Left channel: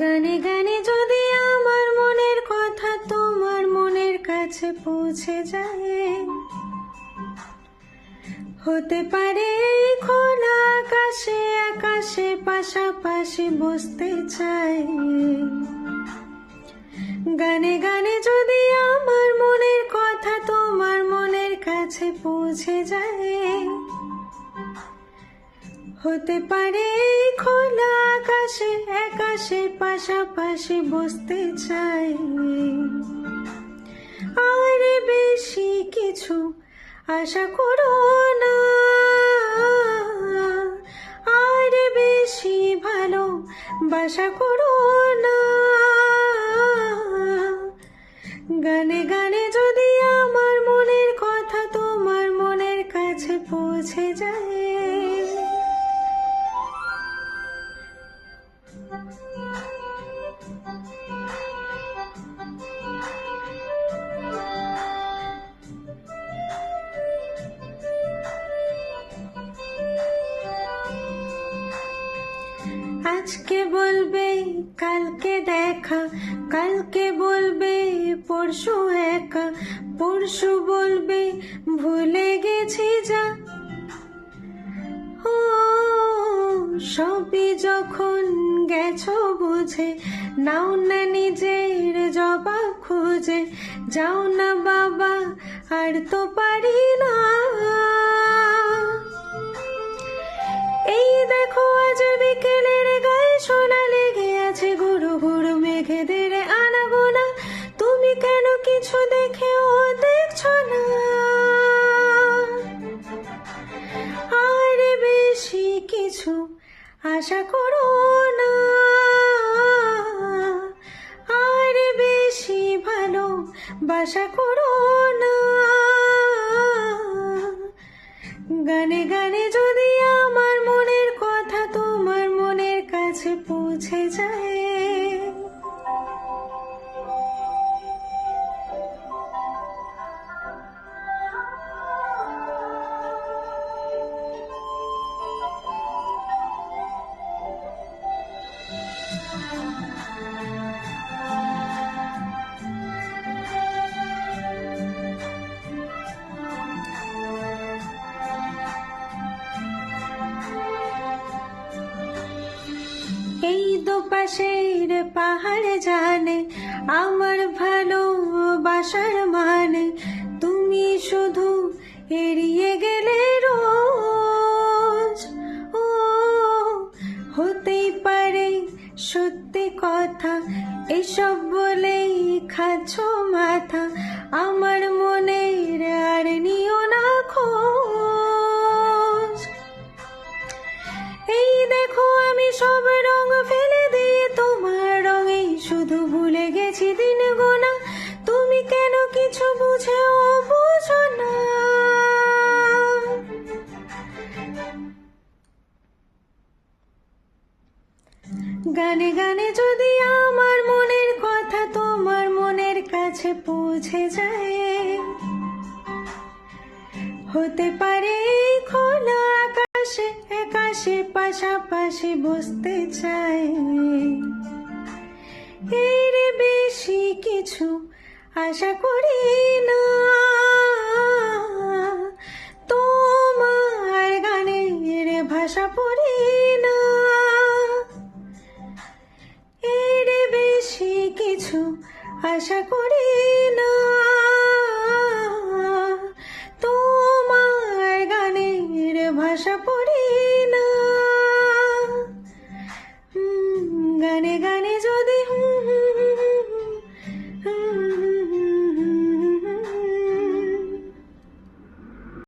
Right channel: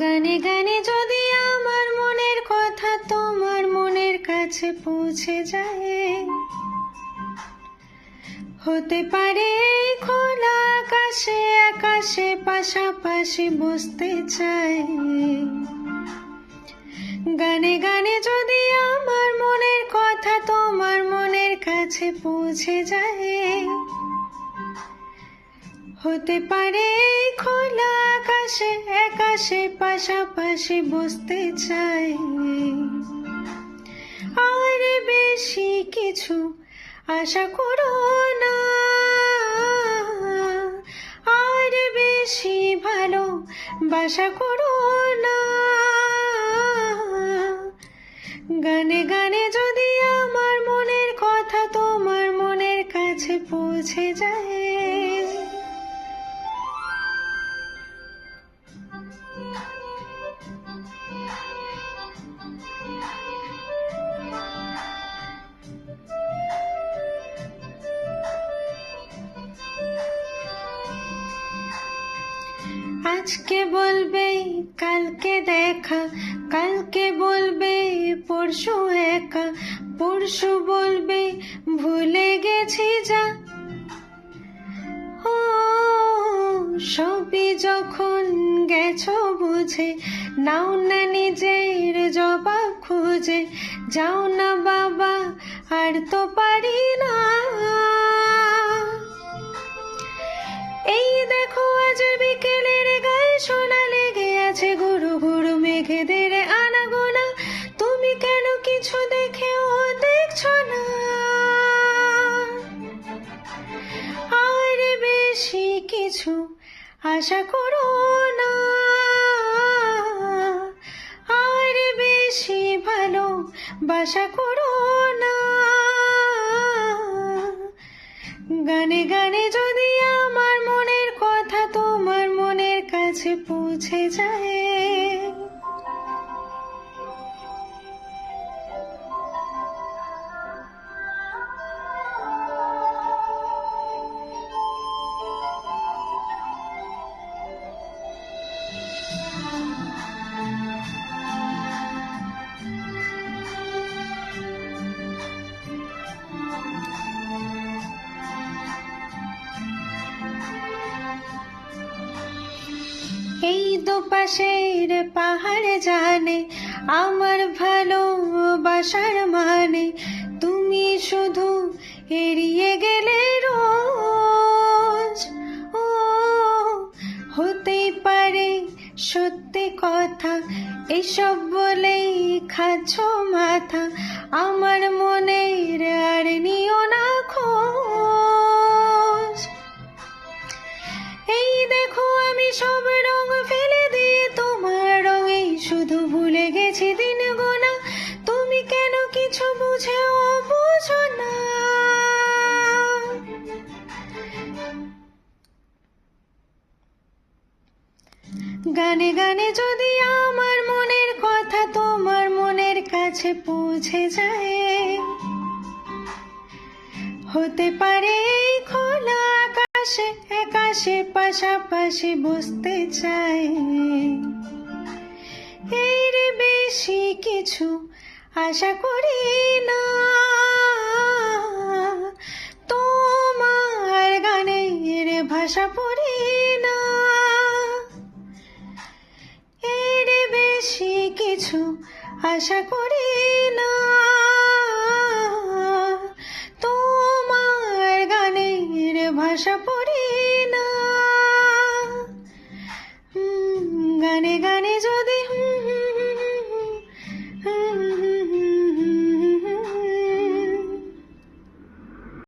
গানে গানে যদি আমার মনের কথা তোমার মনের কাছে পৌঁছে যায়, হতে পারে এই খোলা আকাশে আকাশে পাশাপাশি বসতে চাই। গানে গানে যদি আমার মনের কথা তোমার মনের কাছে পৌঁছে যায়, হতে পারে এই খোলা আকাশে আকাশে পাশাপাশি বসতে চাই। আর বেশি কিছু আশা করো না, আর বেশি ভালো বাসা করো না। গানে গানে যদি আমার মনের কথা তোমার মনের কাছে পৌঁছে যায়, আজকে বলবে কালকে দেখা, কালকে বলবে পরশু একা, পরশু বলবে ভুলে গেছি যা। ও সবই যখন গেছো বুঝে, নাও না নিজের জবাব খুঁজে, যাও না বাবা আর তো পারি না। এই দেখো আজ বিকেলের গায়ে সোনা লেগে আছে, গুরু গুরু মেঘেদের আনাগোনা, তুমি কেন কিছু দেখেও দেখছো না। আর বেশি কিছু আশা করো না, আর বেশি ভালো বাসা করো না। গানে গানে যদি আমার মনের কথা তোমার মনের কাছে পৌঁছে যায়, এই দুপাশের পাহাড় জানে আমার ভালোবাসার মানে, তুমি শুধু এড়িয়ে গেলে রোজ। ও হতেই পারে সত্যি কথা, এসব বলেই খাচ্ছ মাথা, আমার মনের আর নিও না খোঁজ। এই দেখো আমি সব রং ফেলে দিয়ে তোমার রঙেই শুধু ভুলে গেছি দিন গোনা, তুমি কেন কিছু বুঝেও বুঝো না। গানে গানে যদি আমার মনের কথা তোমার মনের কাছে পৌঁছে যায়, হতে পারে এই খোলা আকাশে আকাশে পাশাপাশি বসতে চাই। এর বেশি কিছু আশা করি না, তোমার গানের ভাষা পড়ি না। এর বেশি কিছু আশা করি না, তোমার গানের ভাষা পড়ি